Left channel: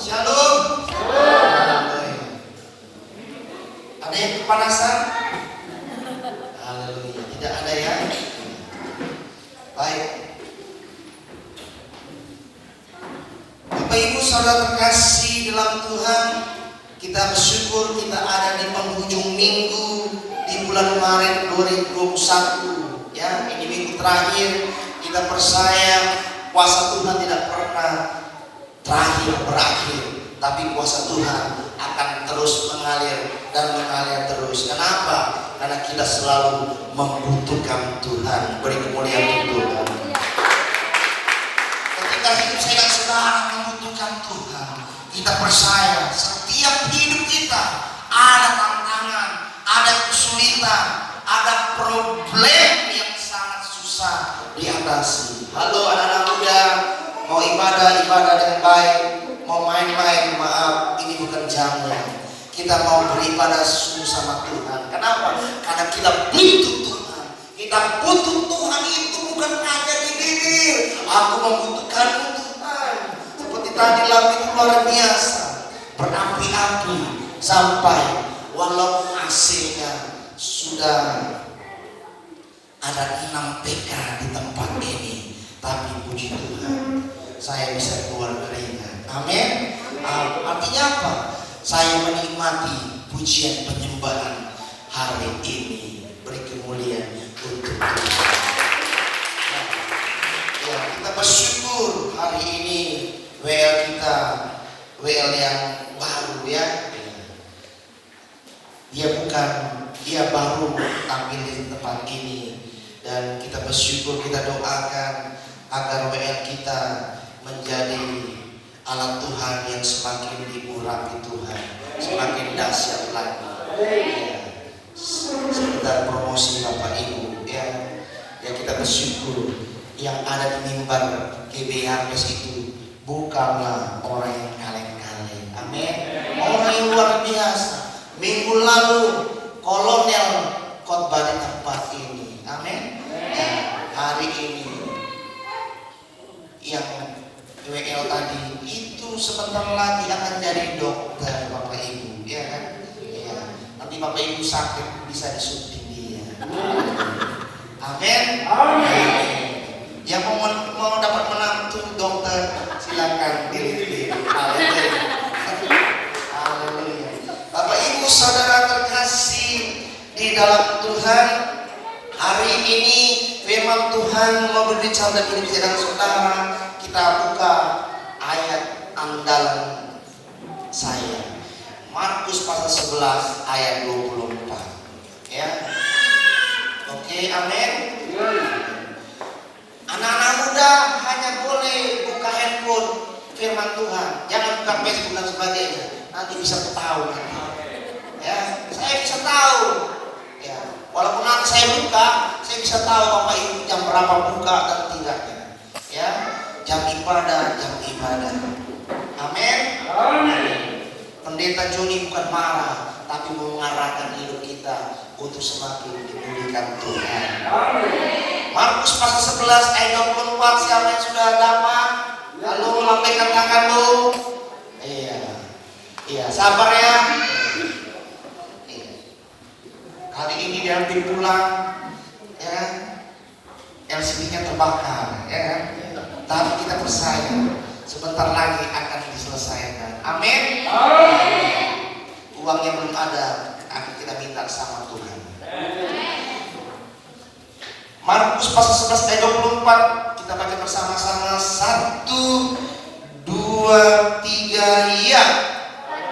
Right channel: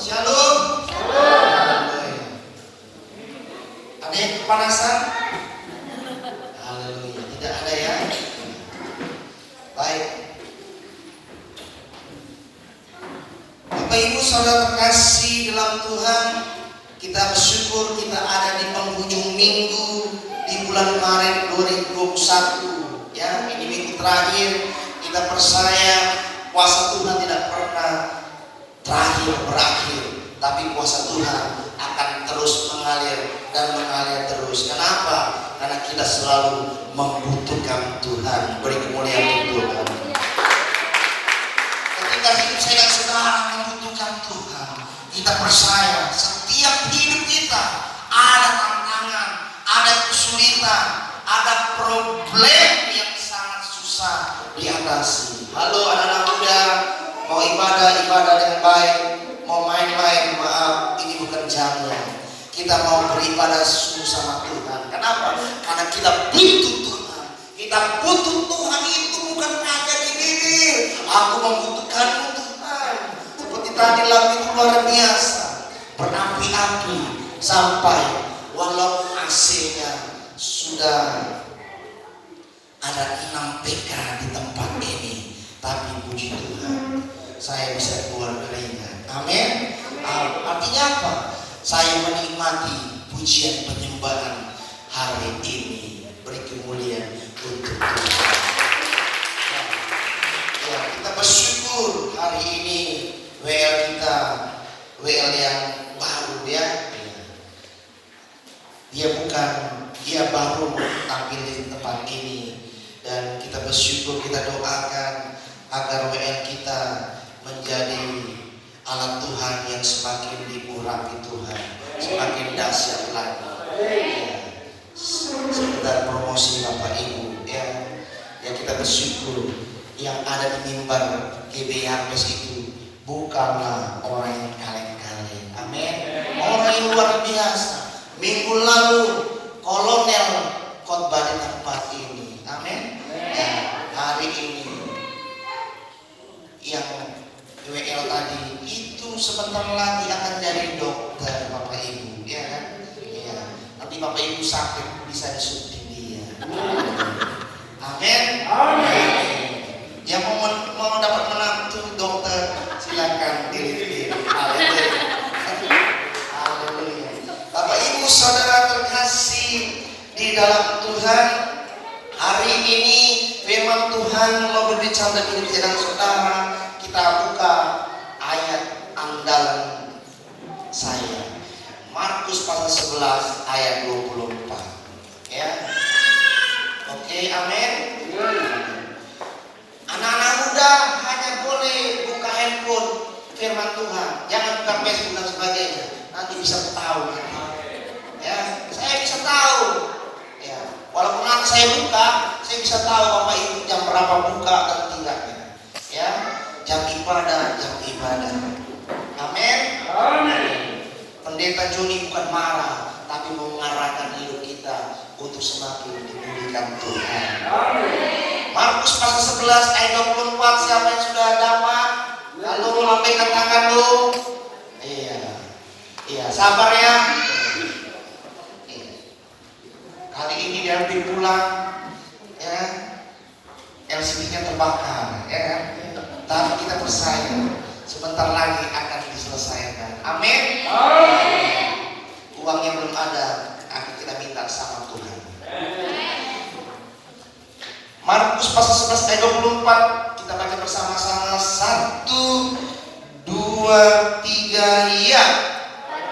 Shalom. Ada yang kepanasan? Haleluya. Tidak ada ya? Baik. Bapak Ibu Saudara terkasih dalam Tuhan, kita bersyukur kita ada di penghujung minggu di bulan Maret 2021. Ya, ini minggu terakhir. Kita percaya kuasa Tuhan tidak pernah berakhir, tapi kuasa Tuhan akan terus mengalir dan mengalir terus. Kenapa? Karena kita selalu membutuhkan Tuhan. Beri kemuliaan untuk Tuhan. Ketika hidup saya dan saudara membutuhkan Tuhan, kita percaya setiap hidup kita ada tantangan, ada kesulitan, ada problem yang sangat susah diatasi. Halo anak-anak muda, mau ibadah yang baik, mau main-main, maaf, ini bukan jamnya. Kita mau beribadah sungguh sama Tuhan. Kenapa? Karena kita butuh Tuhan. Kita butuh Tuhan itu bukan hanya di bibir. Aku membutuhkanmu Tuhan. Seperti tadi lagu itu luar biasa, berapi-api sampai walau AC-nya sudah ada 6 PK di tempat ini, tapi puji Tuhan saya bisa keluar keringat. Amin. Artinya apa? Saya menikmati pujian penyembahan hari ini. Beri kemuliaan untuk Tuhan. Ya, kita bersyukur hari ini WL yang baru ya. Dia baru tampil di tempat ini, dan kita bersyukur, kita doakan agar WL kita menjadi alat Tuhan yang semakin diurapi Tuhan, semakin dahsyat lagi. Ya, sekedar promosi Bapak Ibu ya, yang kita bersyukur yang ada di mimbar GBHS itu bukanlah orang yang kaleng-kaleng. Amin. Orang yang luar biasa. Minggu lalu kolonel khotbah di tempat ini. Amin. Ya, hari ini yang WL tadi itu sebentar lagi akan jadi dokter Bapak Ibu, ya kan? Ya. Nanti Bapak Ibu sakit bisa disuntik dia. Amin. Amin. Yang mau dapat menantu dokter silakan pilih. Haleluya. Haleluya. Bapak Ibu Saudara terkasih di dalam Tuhan, hari ini firman Tuhan mau berbicara dengan kita dan saudara. Kita buka ayat andalan saya, Markus pasal 11 ayat 24 ya. Oke, amin. Anak-anak muda hanya boleh buka handphone firman Tuhan, jangan buka Facebook dan sebagainya, nanti bisa ketahuan ya. Saya bisa tahu ya, walaupun nanti saya buka, saya bisa tahu Bapak Ibu jam berapa buka dan tidaknya ya. Jam ibadah. Amin. Amin. Pendeta Joni bukan marah, tapi mengarahkan hidup kita untuk semakin dipulihkan Tuhan. Amin. Markus pasal 11 ayat 24, siapa yang sudah dapat? Lalu lambaikan tangan lu. Iya, sabar ya. Iya. Kali ini diambil pulang ya. LCD-nya terbakar ya kan? Tapi kita percaya sebentar lagi akan diselesaikan. Amin. Uangnya belum ada, akan kita minta sama Tuhan. Markus pasal 11 ayat 24, kita baca bersama-sama. 1, 2, 3, ya.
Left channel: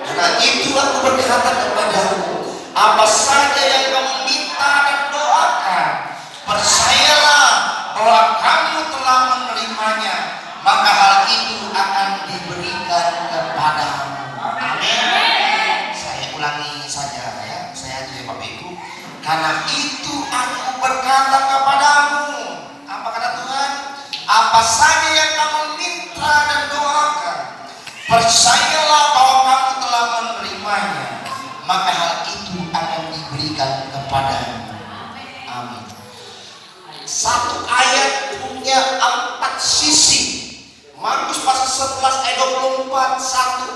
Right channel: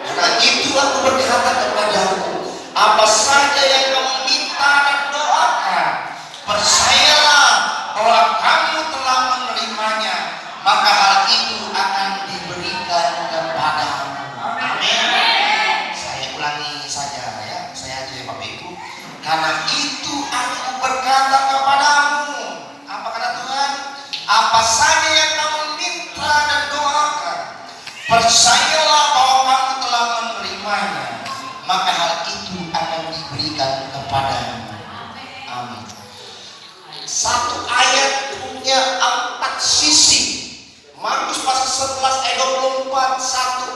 Karena itu aku berkata kepadamu, apa saja yang kamu minta dan doakan, percayalah bahwa kamu telah menerimanya, maka hal itu akan diberikan kepadamu. Amin. Saya ulangi saja ya, saya aja Bapak Ibu. Karena itu aku berkata kepadamu, apa kata Tuhan? Apa saja yang kamu minta dan doakan, percayalah bahwa kamu telah menerimanya, maka hal itu akan diberikan kepadamu. Amin. Satu ayat punya 4 sisi. Markus pasal 11 ayat 24, satu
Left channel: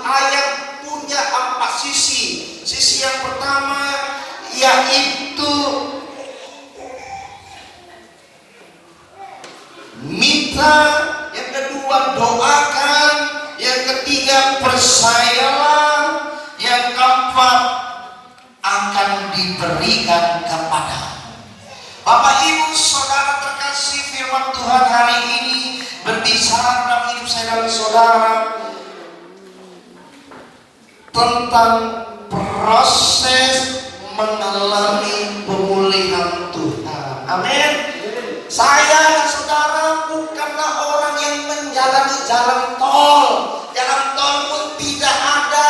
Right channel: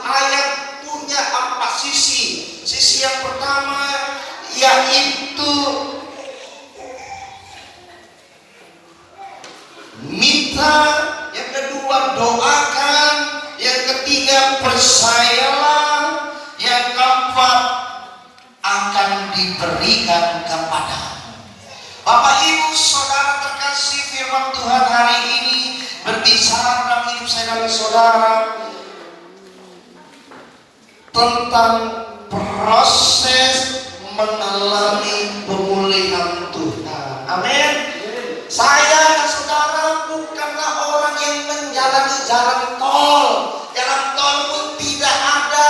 diberikan kepada. Bapak Ibu Saudara terkasih, firman Tuhan hari ini berbicara dalam hidup saya dan saudara tentang proses mengalami pemulihan Tuhan. Amin. Saya dan saudara bukanlah orang yang menjalani jalan tol. Jalan tol pun tidak ada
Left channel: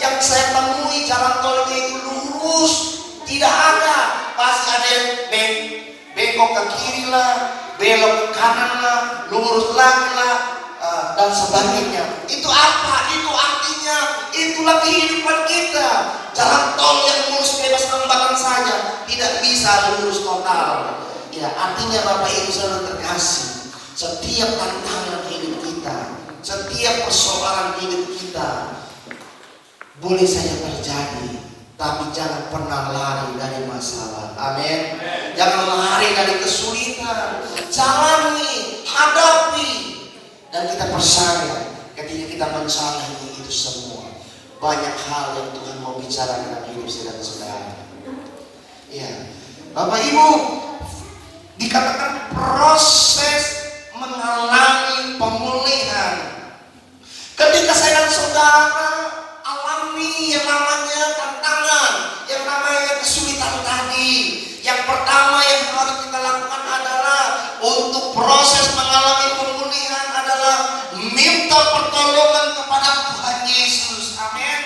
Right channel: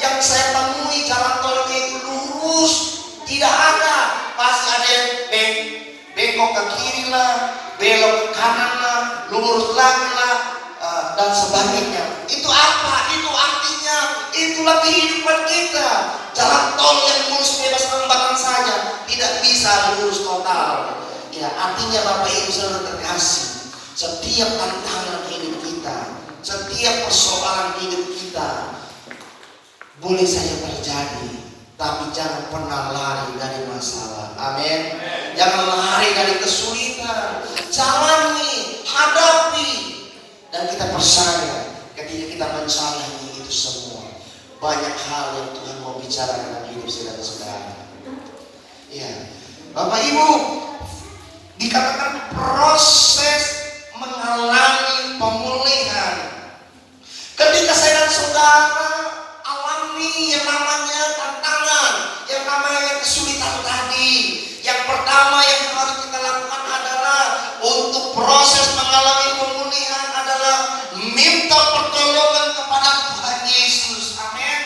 yang saya temui jalan tolnya itu lurus. Tidak ada. Pasti ada yang bengkok ke kiri lah, belok ke kanan lah, lurus lagi lah, dan sebagainya. Itu apa? Itu artinya itulah kehidupan kita. Jalan tol yang lurus bebas hambatan saja tidak bisa lurus total. Ya, artinya Bapak Ibu Saudara terkasih, setiap tantangan hidup kita, setiap persoalan hidup kita boleh saja terjadi, tapi jangan pernah lari dari masalah. Amin. Jangan lari dari kesulitan. Jalani, hadapi, dan kita percaya ketika kita menjalani itu semua, banyak hal yang Tuhan mau bicara dengan hidup saya dan saudara. Ya, Bapak Ibu, dikatakan proses mengalami pemulihan. Ketika saya dan saudara alami yang namanya tantangan, yang namanya kesulitan tadi, yang pertama yang harus kita lakukan adalah untuk proses mengalami pemulihan adalah minta pertolongan kepada Tuhan Yesus. Amin.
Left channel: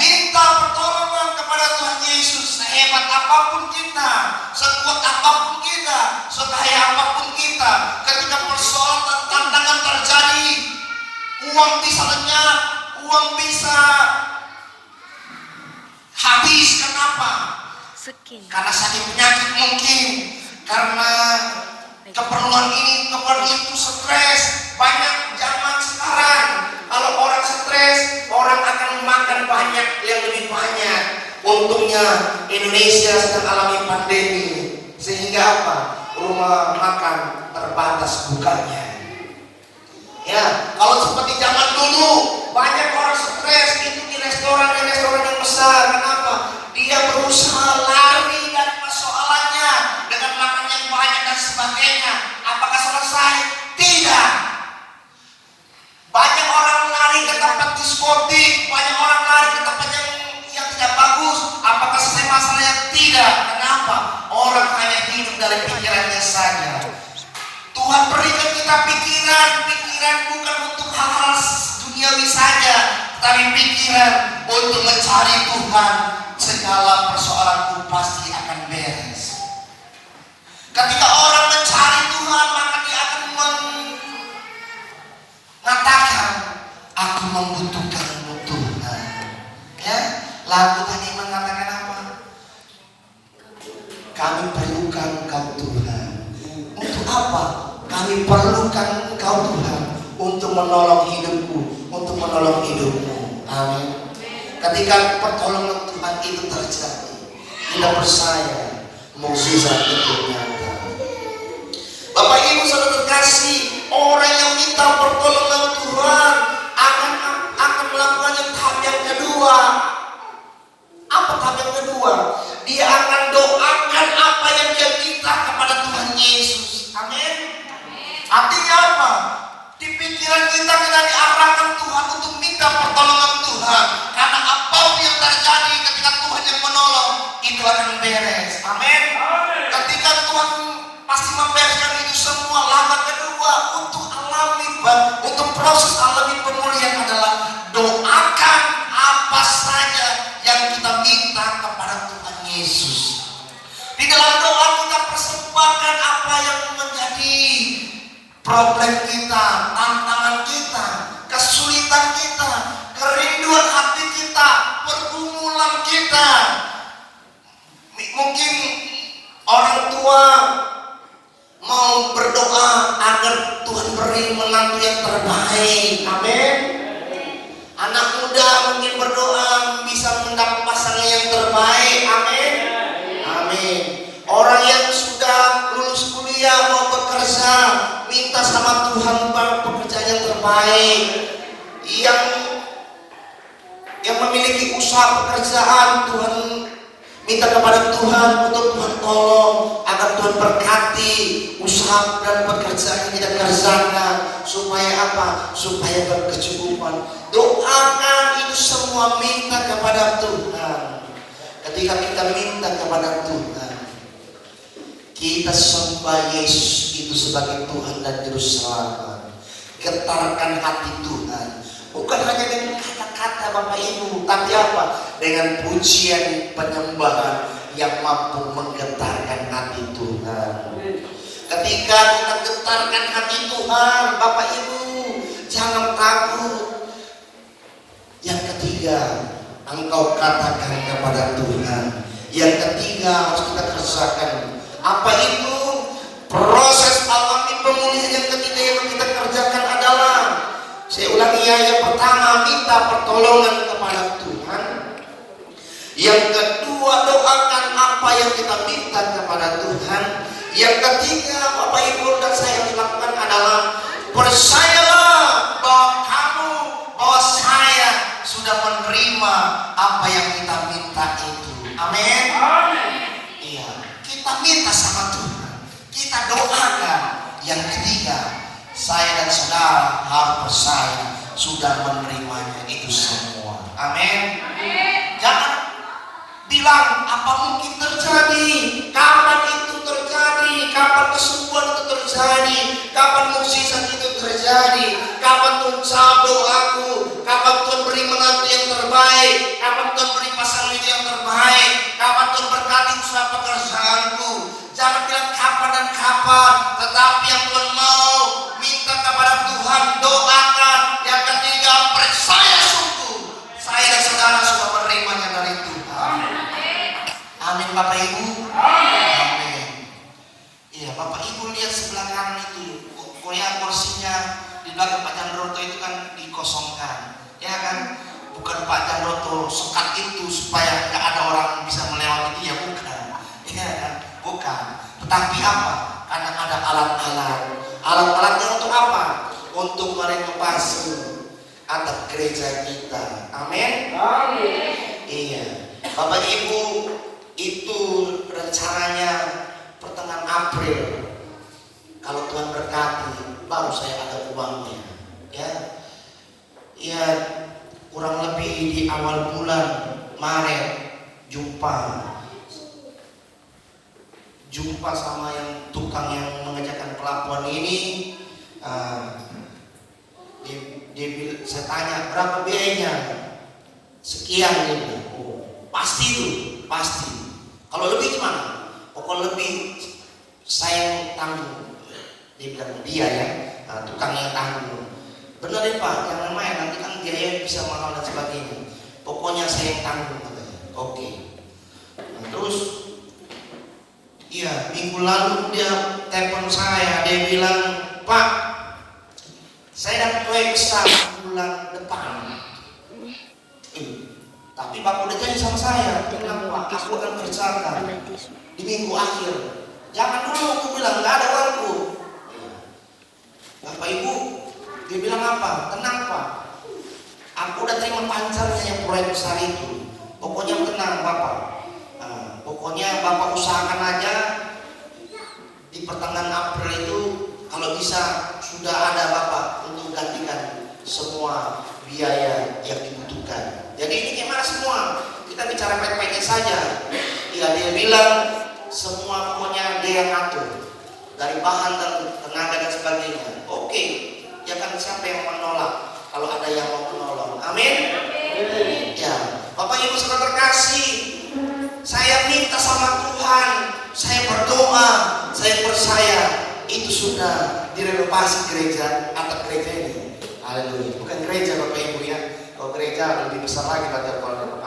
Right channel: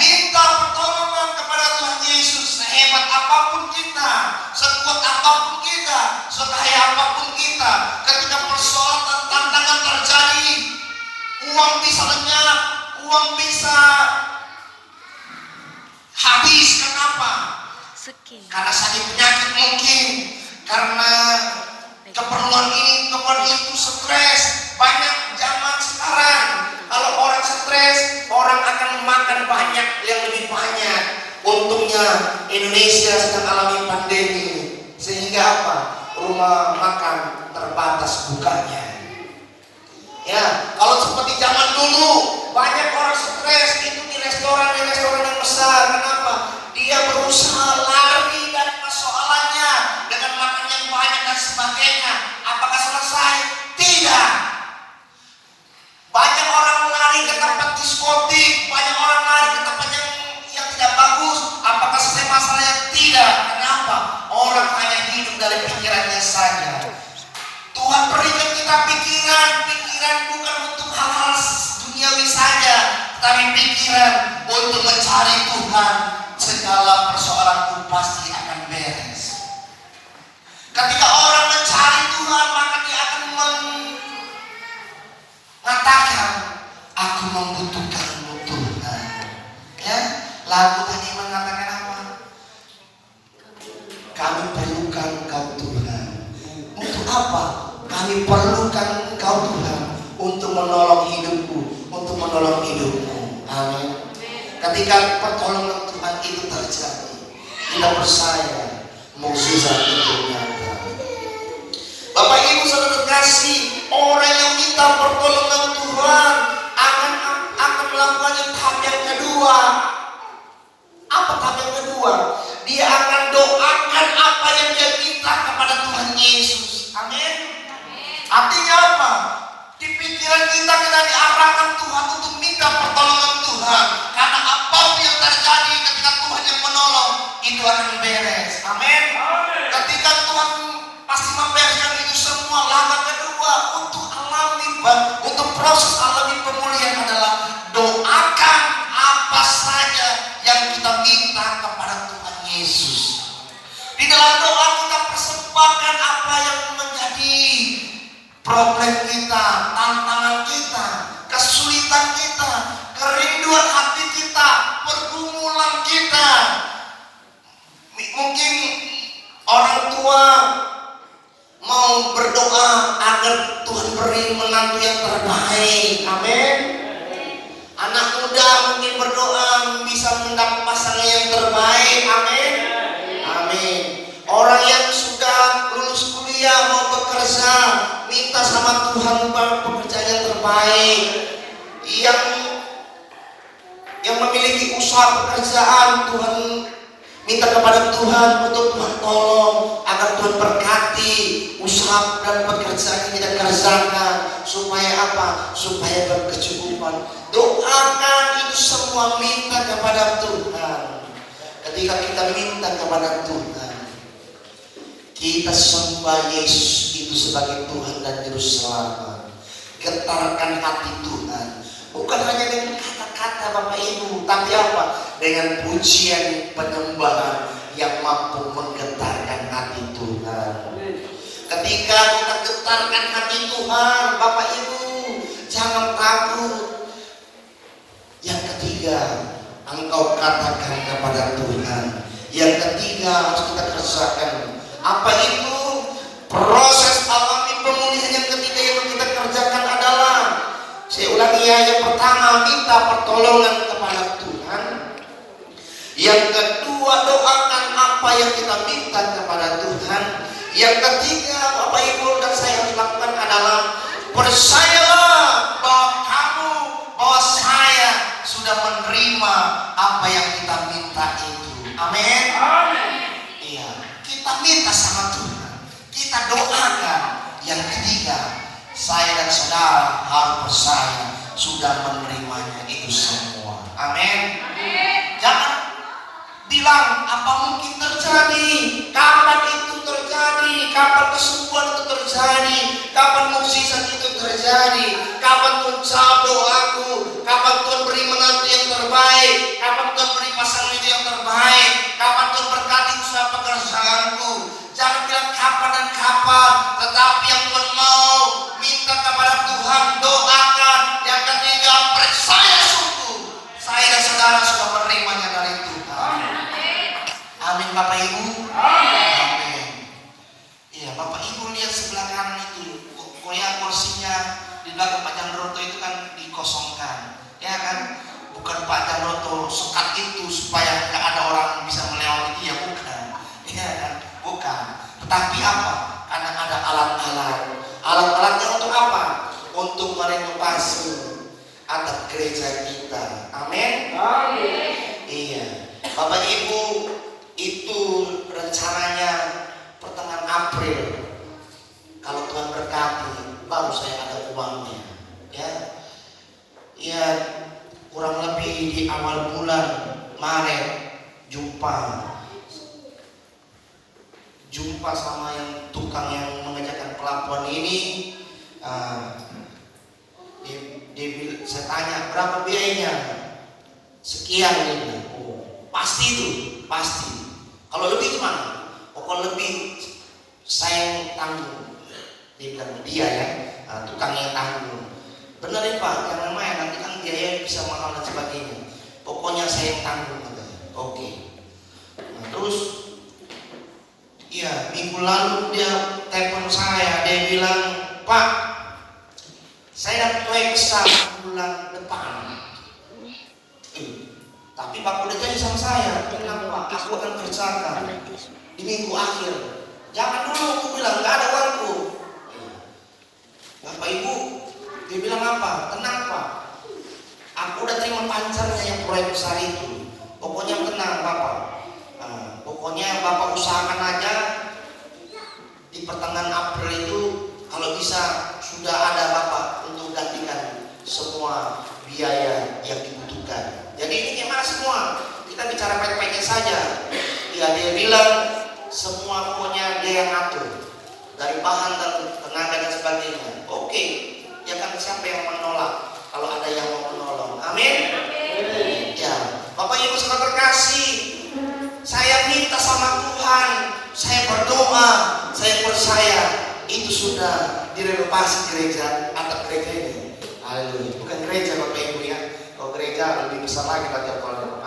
Minta pertolongan kepada Tuhan Yesus. Sehebat apapun kita, sekuat apapun kita, sekaya apapun kita, ketika persoalan dan tantangan terjadi, uang bisa lenyap, uang bisa habis. Kenapa? Karena sakit penyakit mungkin, karena keperluan ini, keperluan itu, stres. Banyak zaman sekarang, kalau orang stres, orang akan makan banyak yang lebih banyak. Untungnya Indonesia sedang alami pandemi, sehingga apa? Rumah makan terbatas bukanya. Ya, kalau seperti zaman dulu, banyak orang stres itu di restoran yang besar. Kenapa? Dia berusaha lari dari persoalannya dengan makan yang banyak dan sebagainya. Apakah selesai? Tidak. Banyak orang lari ke tempat diskotik, banyak orang lari ke tempat yang tidak bagus. Apakah selesai masalahnya? Tidak. Kenapa? Orang hanya hidup dari pikirannya saja. Tuhan berikan kita pikiran bukan untuk hal-hal duniawi saja, tapi pikiran untuk mencari Tuhan. Segala persoalanku pasti akan beres. Ketika orang mencari Tuhan, maka dia akan mengatakan, aku membutuhkanmu Tuhan. Ya, lagu tadi mengatakan apa? Kami perlukan Engkau Tuhan. Untuk apa? Kami perlukan Engkau Tuhan untuk menolong hidupku, untuk menolong hidupmu. Amin. Ketika pertolongan Tuhan itu terjadi, kita percaya mukjizat itu nyata. Bapak Ibu Saudara terkasih, orang yang minta pertolongan Tuhan akan melakukan tahap yang kedua. Apa tahap yang kedua? Dia akan doakan apa yang dia minta kepada Tuhan Yesus. Amin. Artinya apa? Di pikiran kita diarahkan Tuhan untuk minta pertolongan Tuhan. Karena apapun yang terjadi ketika Tuhan yang menolong, itu akan beres. Amin. Ketika Tuhan pasti membereskan itu semua. Langkah kedua untuk untuk proses alami pemulihan adalah doakan apa saja yang kita minta kepada Tuhan Yesus. Di dalam doa kita persembahkan apa yang menjadi problem kita, tantangan kita, kesulitan kita, kerinduan hati kita, pergumulan kita. Mungkin orang tua mau berdoa agar Tuhan beri menantu yang terbaik. Amin. Anak muda mungkin berdoa bisa mendapat pasangan yang terbaik. Amin. Amin. Orang yang sudah lulus kuliah mau bekerja, minta sama Tuhan pekerjaan yang terbaik. Yang memiliki usaha pekerjaan, Tuhan Minta kepada Tuhan untuk Tuhan tolong, agar Tuhan berkati usaha dan pekerjaan yang kita kerjakan, supaya apa? Supaya berkecukupan. Doakan itu semua, minta kepada Tuhan. Ketika kita minta kepada Tuhan, kita sembah Yesus itu sebagai Tuhan dan Juru Selamat. Getarkan hati Tuhan, bukan hanya dengan kata-kata Bapak Ibu, tapi apa? Dengan pujian penyembahan yang mampu menggetarkan hati Tuhan. Ketika kita getarkan hati Tuhan, Bapak Ibu, jangan takut. Yang ketiga, engkau katakan kepada Tuhan. Yang ketiga harus kita kerjakan. Apa itu? Proses alami pemulihan yang ketiga yang kita kerjakan adalah, saya ulangi ya, yang pertama minta pertolongan kepada Tuhan. Yang kedua, doakan apa yang kita minta kepada Tuhan. Yang ketiga, Bapak Ibu dan saya lakukan adalah, percayalah bahwa saya sudah menerima apa yang kita minta itu. Amin. Iya, kita minta sama Tuhan, kita doakan. Yang ketiga, saya dan saudara harus percaya sudah menerimanya itu semua. Amin. Jangan bilang apa mungkin terjadi, kapan itu terjadi, kapan kesembuhan itu terjadi, kapan mukjizat itu terjadi, kapan Tuhan jawab doaku, kapan Tuhan beri menantu yang terbaik, kapan Tuhan beri pasangan yang terbaik, kapan Tuhan berkati usaha pekerjaanku. Jangan bilang kapan dan kapan, tetapi yang Tuhan mau, minta kepada Tuhan, doakan. Yang ketiga, percaya sungguh saya dan saudara sudah menerimanya dari Tuhan. Amin Bapak Ibu. Amin. Iya, Bapak Ibu lihat sebelah kanan itu, koyak kursinya di belakang Pak Jandroto itu kan dikosongkan, ya kan? Bukan Pak Jandroto sekat itu supaya nggak ada orang bisa melewati dia, bukan. Iya kan? Bukan. Tetapi apa? Karena ada alat-alat. Alat-alatnya untuk apa? Untuk merenovasi adat gereja kita. Amin. Amin. Iya, Bapak Ibu, itu rencananya pertengahan April. Kalau Tuhan berkati, baru saya ada uangnya. Ya, kurang lebih di awal bulan Maret jumpa sama yang tukang yang mengerjakan pelabuhan ini. Saya tanya berapa biayanya, sekian ini. Oh, pasti itu, pasti. Kalau lebih gimana? Kalau lebih saya tanggung. Dia bilang dia ya, tukangnya tanggung. Benar ya Pak, jangan main, nanti kan biaya bisa mahal dan sebagainya. Pokoknya saya tanggung katanya. Oke. Nah, terus, iya minggu lalu dia telepon saya, dia bilang, Pak, saya dapat proyek besar bulan depan. Tapi Bapak udah janji sama saya, kenapa aku akan kerjakan di minggu akhir. Jangan dulu, aku bilang nggak ada waktu. Bapak Ibu, dia bilang apa? Tenang Pak, aku udah terima pancarnya yang proyek besar itu. Pokoknya tenang Bapak. Pokoknya Bapak usahakan aja di pertengahan April itu, kalau bisa sudah ada Bapak untuk gantikan semua biaya yang dibutuhkan. Jadi ini gimana semua? Kita bicara baik-baiknya saja. Ya, dia bilang semua pokoknya dia yang atur, dari bahan dan tenaga dan sebagainya. Oke, ya kan siapa yang menolak kalau ada yang mau menolong. Amin. Ya, Bapak Ibu saudara terkasih, saya minta sama Tuhan, saya berdoa, saya percaya itu sudah direnovasi gereja, atap gereja ini. Haleluya. Bukan gereja Bapak Ibu ya. Kalau gereja lebih besar lagi pada kalau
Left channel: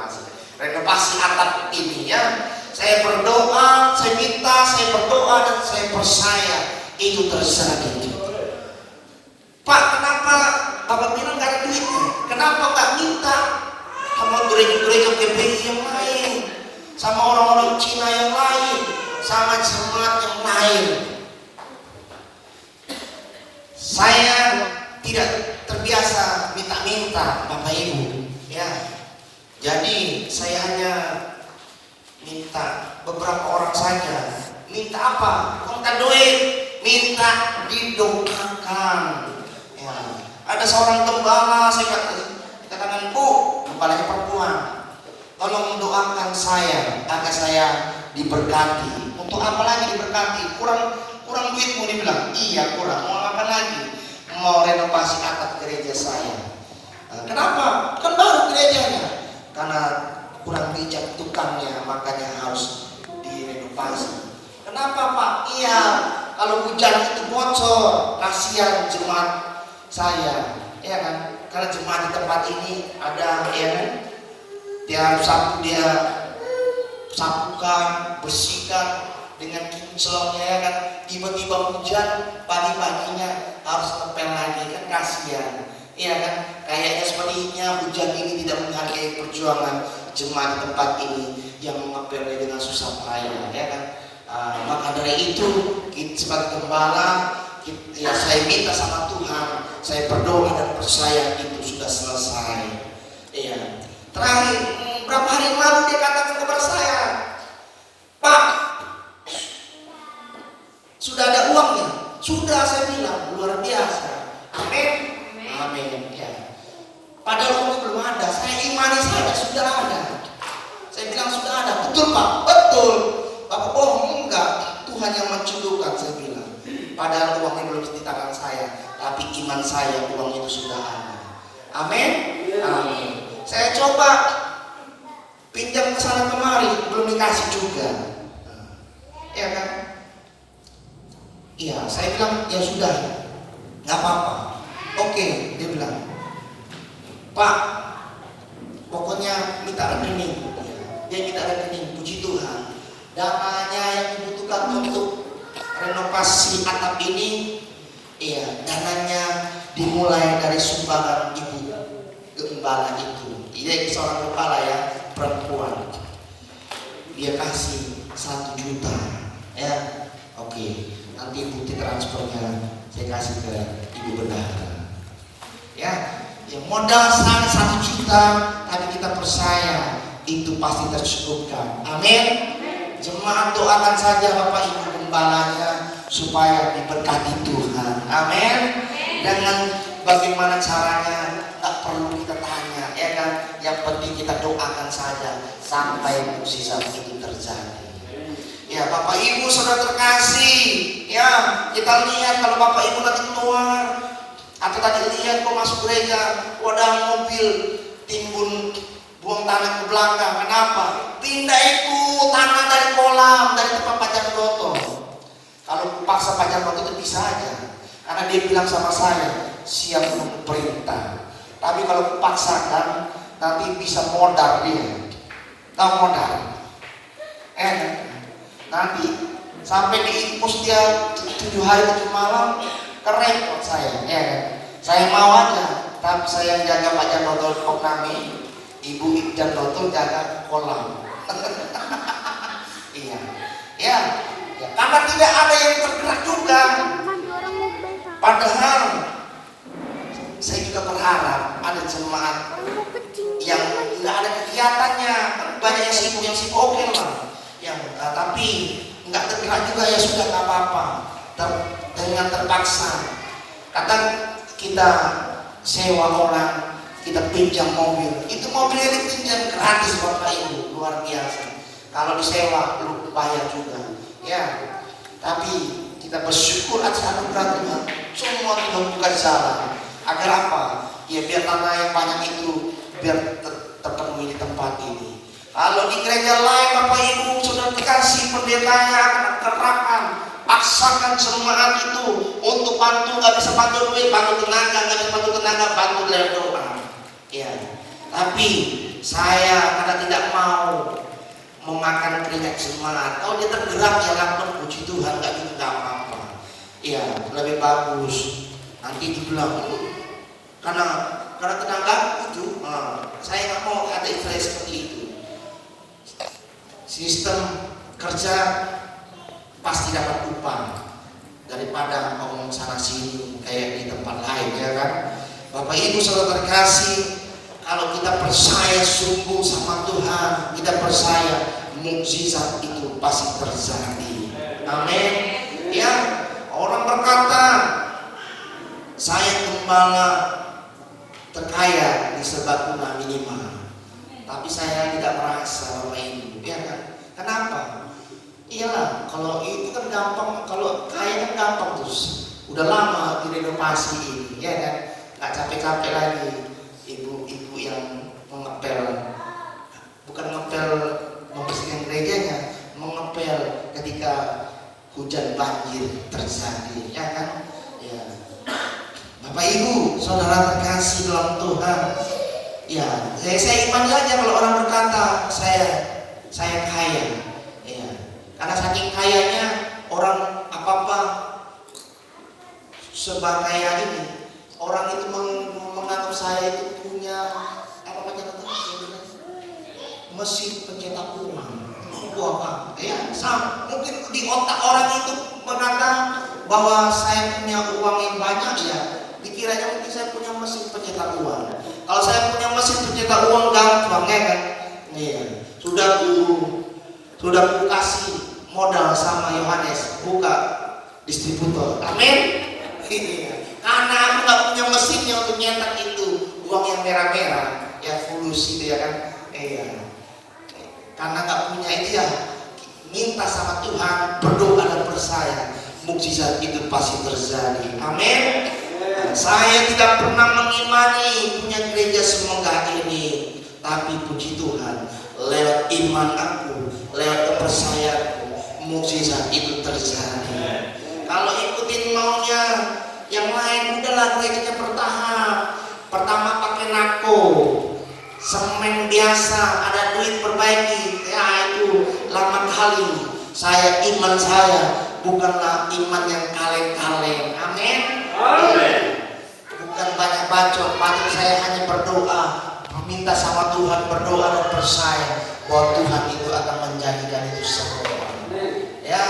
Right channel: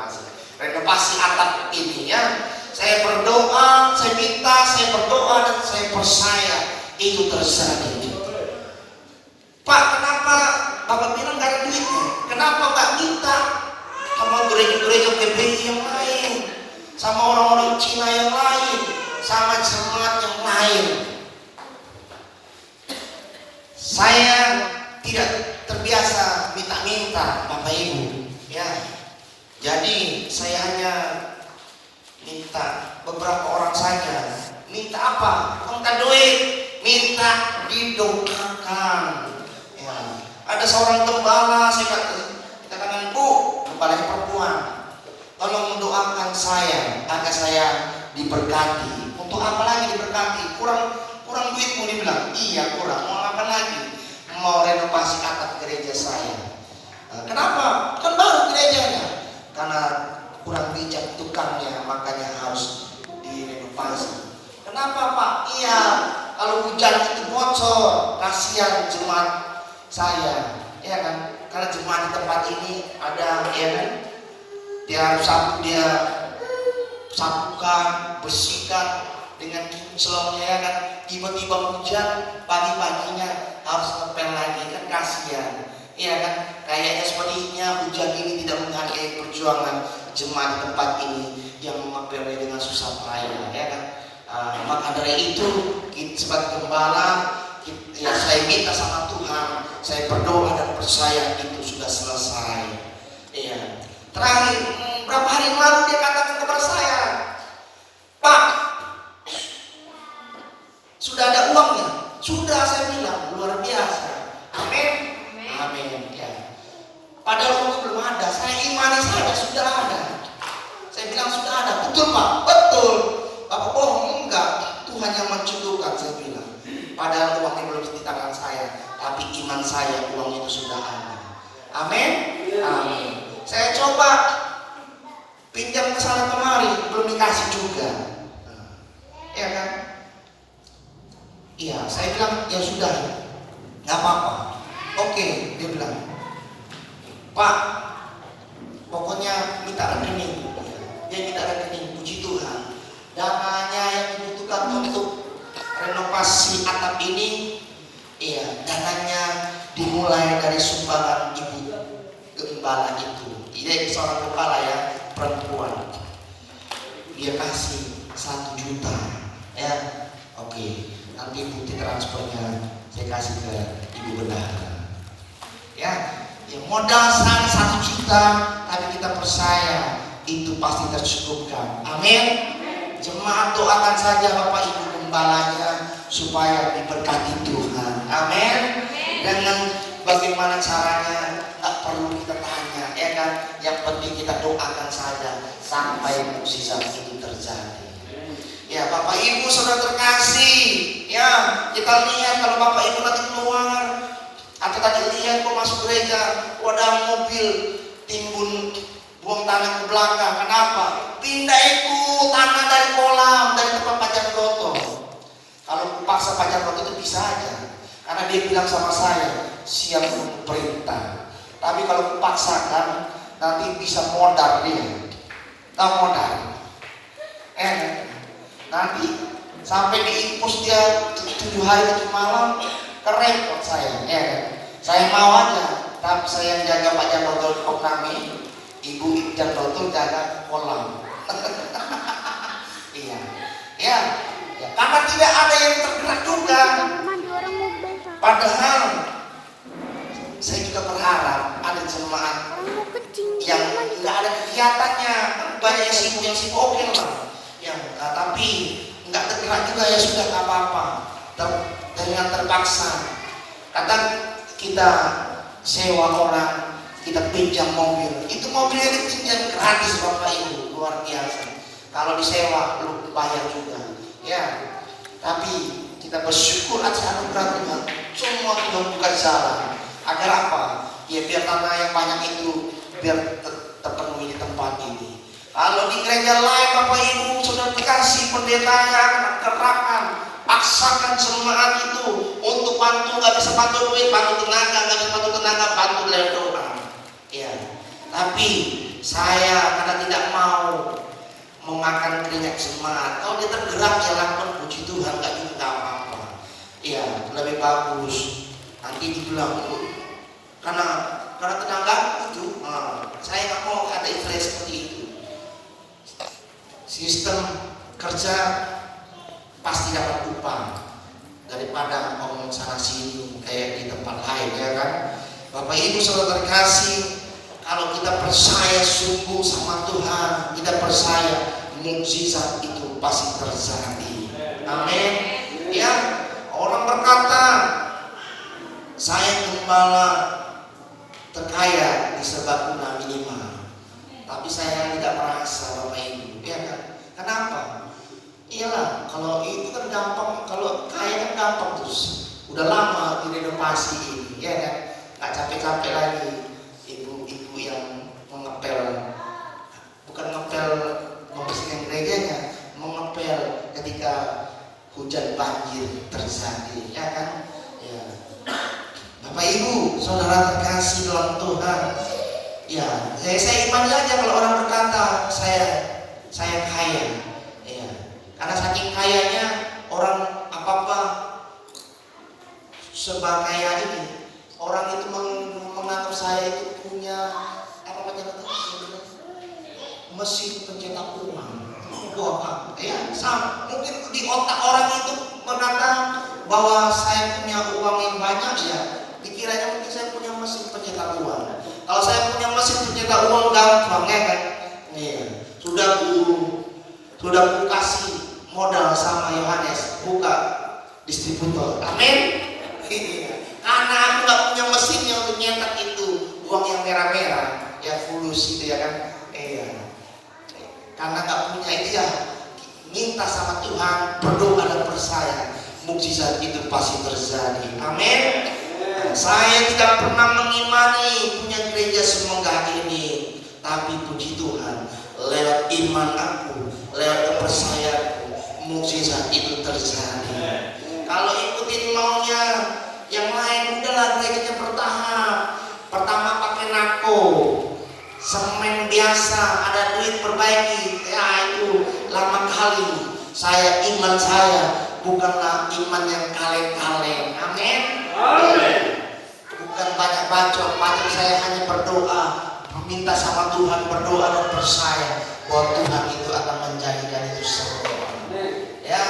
renovasi atap ini ya. Saya berdoa, saya minta, saya berdoa dan saya percaya itu terjadi. Pak, kenapa Bapak bilang gak ada duitnya? Kenapa gak minta sama gereja-gereja GBI yang lain, sama orang-orang Cina yang lain, sama jemaat yang lain? Saya tidak terbiasa minta-minta Bapak Ibu ya. Jadi saya hanya minta beberapa orang saja. Minta apa? Minta duit, minta didoakan. Ya. Ada seorang gembala, saya katakan, Bu, gembala perempuan, tolong mendoakan saya agar saya diberkati. Untuk apa lagi diberkati? Kurang duitmu, dia bilang. Iya kurang, mau apa lagi? Mau renovasi atap gereja saya. Kenapa? Kan baru gerejanya. Karena kurang bijak tukangnya, makanya harus direnovasi. Kenapa Pak? Iya, kalau hujan itu bocor, kasihan jemaat saya, ya kan? Karena jemaat di tempat ini ada, ya kan? Dia harus sapukan, bersihkan dengan kinclong, ya kan? Tiba-tiba hujan, pagi-paginya harus ngepel lagi, kan kasihan. Iya kan, kayaknya sepertinya hujan ini tidak menghargai perjuangan jemaat di tempat ini yang mengepelnya dengan susah payah, ya kan. Maka dari itu kita sebagai gembala, ya saya minta sama Tuhan, saya berdoa dan percaya itu sudah selesai. Iya. Terakhir, berapa hari yang lalu dia katakan kepada saya, Pak, sudah ada uangnya? Sudah, saya bilang, luar biasa. Amin. Amin. Ya. Padahal uangnya belum ada. Saya imani saja sudah ada. Saya bilang sudah ada. Betul Pak? Betul. Bapak bohong? Enggak. Tuhan yang mencukupkan, saya bilang. Padahal uangnya belum di tangan saya, tapi iman saya uang itu sudah ada. Amin. Amin. Saya coba pinjam ke sana kemari, belum dikasih juga. Ya kan? Iya, saya bilang ya sudah, nggak apa-apa. Oke, dia bilang, Pak, pokoknya minta rekening. Ya, dia minta rekening, puji Tuhan. Dananya yang dibutuhkan untuk renovasi atap ini, iya, dananya dimulai dari sumbangan ibu gembala itu. Dia seorang gembala ya, perempuan. Dia kasih 1 juta, ya. Oke, nanti bukti transfernya saya kasih ke ibu bendahara. Ya, modal saya 1 juta, tapi kita percaya itu pasti tercukupkan. Amin. Jemaat doakan saja Bapak Ibu gembalanya supaya diberkati Tuhan. Amin. Dengan bagaimana caranya tak perlu kita tanya, ya kan? Yang penting kita doakan saja sampai mukjizat itu terjadi. Ya Bapak Ibu saudara terkasih, ya kita lihat kalau Bapak Ibu nanti keluar atau tadi lihat kok masuk gereja, wadah mobil timbun buang tanah ke belakang. Kenapa? Pindah itu tanah dari kolam, dari tempat Pacar Broto. Kalau paksa Pacar Broto itu bisa aja, karena dia bilang sama saya siap menunggu perintah. Tapi kalau dipaksakan nanti bisa modal dia. Tahu modal? Nanti sampai diimpus dia 7 hari 7 malam, kerepot saya. Saya mau aja, tapi saya jaga Pak Janotol kami, Ibu Janotol jaga kolam. Iya, ya, karena tidak ada yang bergerak juga. Padahal saya juga berharap ada jemaat yang nggak ada kegiatannya, banyak yang sibuk oke lah. Tapi nggak tergerak juga ya sudah nggak apa-apa. Dengan terpaksa, kadang kita sewa orang, kita pinjam mobil. Itu mobil yang dipinjam gratis Bapak Ibu, luar biasa. Kalau disewa lu bayar juga, ya. Tapi kita bersyukur atas anugerah Tuhan. Semua Tuhan buka jalan. Agar apa? Ya biar tanah yang banyak itu biar terpenuhi di tempat ini. Kalau di gereja lain Bapak Ibu sudah dikasih pendetanya terapkan, paksakan jemaat itu untuk bantu, nggak bisa bantu duit, bantu tenaga, nggak bisa bantu tenaga, bantu dalam doa. Ya, tapi saya karena tidak mau memakan keringat jemaat. Kalau dia tergerak ya lakukan puji Tuhan, nggak juga apa-apa. Ya, lebih bagus. Nanti dibilang karena tenaga itu, saya nggak mau ada istilah seperti itu. Sistem kerja pasti dapat upah daripada ngomong sana sini kayak di tempat lain, ya kan? Bapak Ibu saudara terkasih, kalau kita percaya sungguh sama Tuhan, kita percaya mukjizat itu pasti terjadi. Amin. Ya, orang berkata, saya gembala terkaya di Serbaguna minimal, tapi saya tidak merasa Bapak Ibu, ya kan? Kenapa? Iyalah, kalau itu kan gampang, kalau kaya kan gampang terus. Udah lama direnovasi ini, ya kan? Nggak capek-capek lagi. Ibu-ibu yang mengepel, bukan ngepel membersihkan gerejanya, mengepel ketika hujan banjir terjadi, ya kan? Ya. Bapak Ibu, saudara terkasih dalam Tuhan, ya, saya iman saja kalau orang berkata saya kaya, ya, karena saking kayanya orang apa sebab kaya ini, orang itu menganggap saya itu punya apa macam mesin pencetak uang, apa? Ya, sama. Mungkin di otak orang itu mengatakan bahwa saya punya uang yang banyak, ya. Dikiranya mungkin saya punya mesin pencetak uang. Kalau saya punya mesin pencetak uang gampang, ya kan? Iya. Sudah kasih modal sama Yohanes buka distributor. Amin. Karena aku nggak punya mesinnya untuk nyetak itu uang yang merah-merah, ya fulus itu, ya kan? Iya. Karena nggak punya itu, ya minta sama Tuhan, berdoa dan percaya, mukjizat itu pasti terjadi. Amin. Saya tidak pernah mengimani punya gereja semegah ini, tapi puji Tuhan, lewat iman aku, lewat kepercayaanku, mukjizat itu terjadi. Kalau ikutin maunya yang lain, udahlah gerejanya bertahap. Pertama pakai nako, semen biasa, ada duit perbaiki, ya itu lama kali. Iman saya bukanlah iman yang kaleng-kaleng. Amin. Bukan banyak bacot, tapi saya hanya berdoa, meminta sama Tuhan, berdoa dan percaya bahwa Tuhan itu akan menjadikan itu semua. Ya,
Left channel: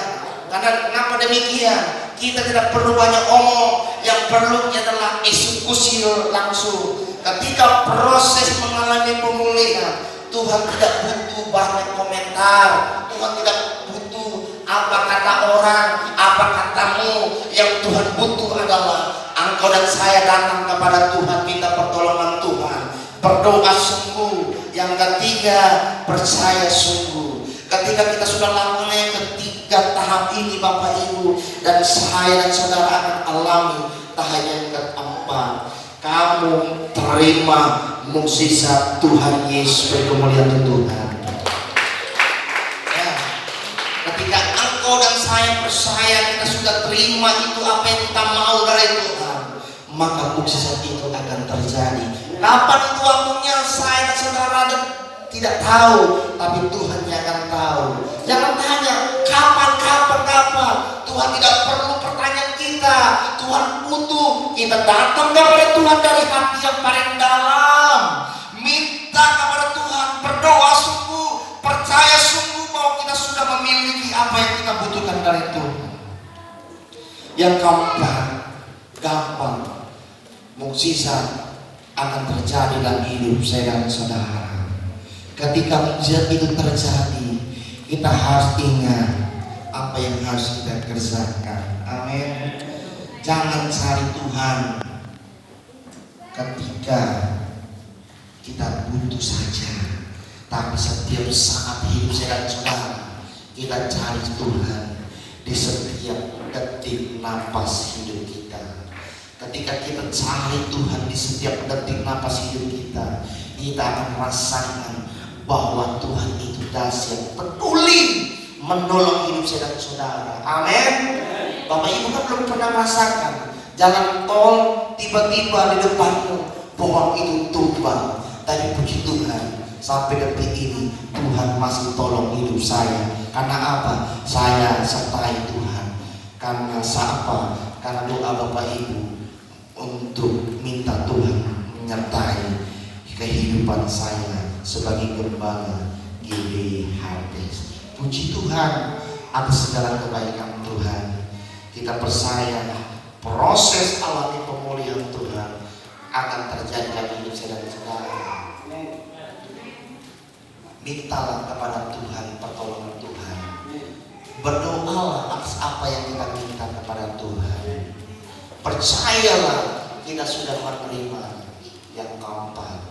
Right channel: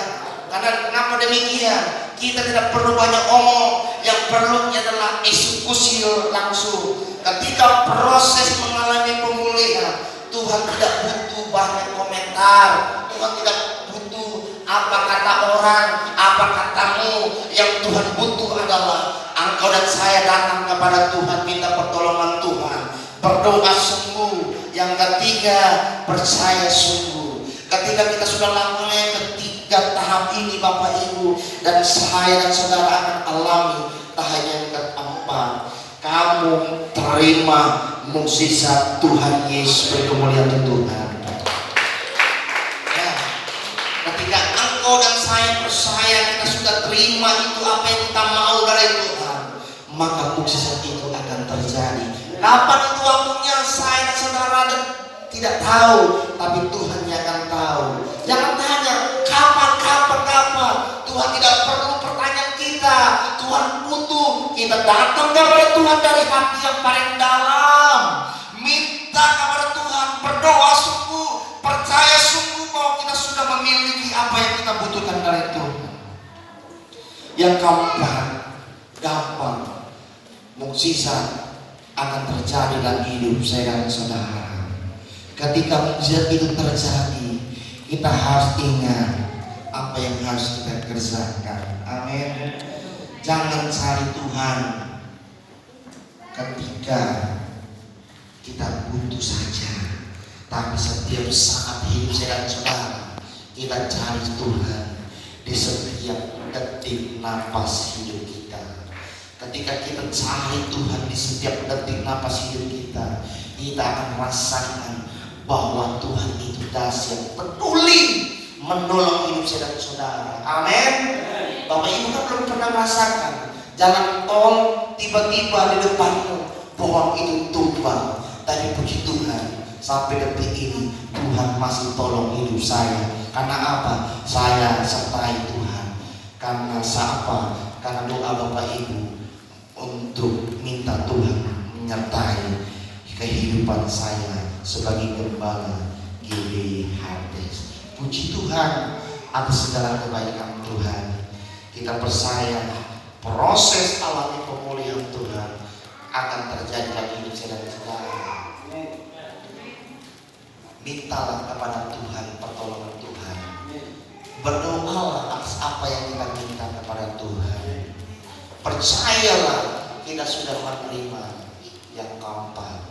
karena kenapa demikian? Kita tidak perlu banyak omong, yang perlu adalah eksekusi langsung. Ketika proses mengalami pemulihan, Tuhan tidak butuh banyak komentar, Tuhan tidak butuh apa kata orang, apa katamu. Yang Tuhan butuh adalah engkau dan saya datang kepada Tuhan, minta pertolongan Tuhan, berdoa sungguh. Yang ketiga, percaya sungguh. Ketika kita sudah lakukan yang ketiga tahap ini, Bapak Ibu dan saya dan saudara akan alami tahap yang keempat. Kamu terima mukjizat Tuhan Yesus, kemuliaan Tuhan. Ya, ketika engkau dan saya percaya, kita sudah terima itu apa yang kita mau dari Tuhan, maka mukjizat itu akan terjadi. Kapan itu waktunya, saya dan saudara tidak tahu, tapi Tuhan yang akan tahu. Jangan tanya kapan. Tuhan tidak perlu pertanyaan kita. Tuhan butuh kita datang kepada Tuhan dari hati yang paling dalam, minta kepada Tuhan, berdoa sungguh, percaya sungguh bahwa kita sudah memiliki apa yang kita butuhkan dari Tuhan. Yang keempat, gampang mukjizat akan terjadi dalam hidup saya dan saudara. Ketika mukjizat itu terjadi, kita harus ingat apa yang harus kita kerjakan. Amin. Jangan cari Tuhan ketika kita butuh saja, tapi setiap saat hidup saya dan saudara, kita cari Tuhan di setiap detik napas hidup kita. Ketika kita cari Tuhan di setiap detik napas hidup kita, kita akan merasakan bahwa Tuhan itu dahsyat, peduli menolong hidup saya dan saudara. Amin. Bapak Ibu kan belum pernah merasakan jalan tol tiba-tiba di depanmu pohon itu tumbang, tapi puji Tuhan sampai detik ini Tuhan masih tolong hidup saya. Karena apa? Saya sertai Tuhan. Karena siapa? Karena doa Bapak Ibu untuk minta Tuhan menyertai kehidupan saya sebagai gembala GBI Harvest. Puji Tuhan atas segala kebaikan Tuhan. Kita percaya proses alami pemulihan Tuhan akan terjadi dalam hidup saya dan saudara. Mintalah kepada Tuhan pertolongan. Berdoalah atas apa yang kita minta kepada Tuhan. Percayalah kita sudah menerima yang keempat,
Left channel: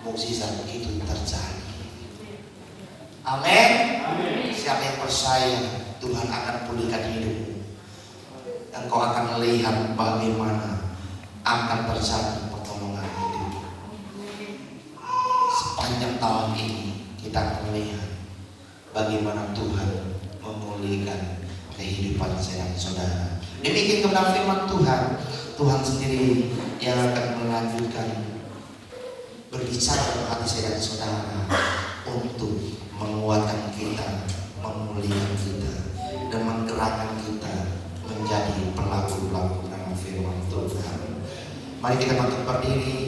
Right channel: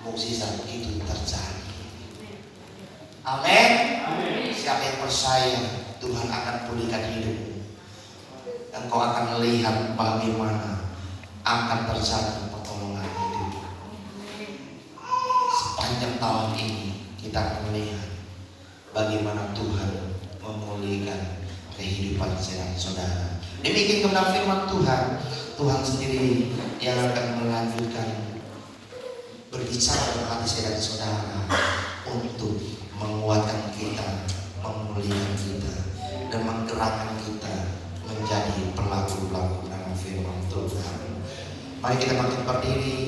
mukjizat itu terjadi. Amin. Siapa yang percaya Tuhan akan pulihkan hidupmu, dan kau akan melihat bagaimana akan terjadi pertolongan hidup. Sepanjang tahun ini kita akan melihat bagaimana Tuhan memulihkan kehidupan saudara. Demikian kebenaran firman Tuhan. Tuhan sendiri yang akan melanjutkan berbicara kepada hati saya dan saudara untuk menguatkan kita, memulihkan kita, dan menggerakkan kita menjadi pelaku-pelaku dalam firman Tuhan. Mari kita bangkit berdiri.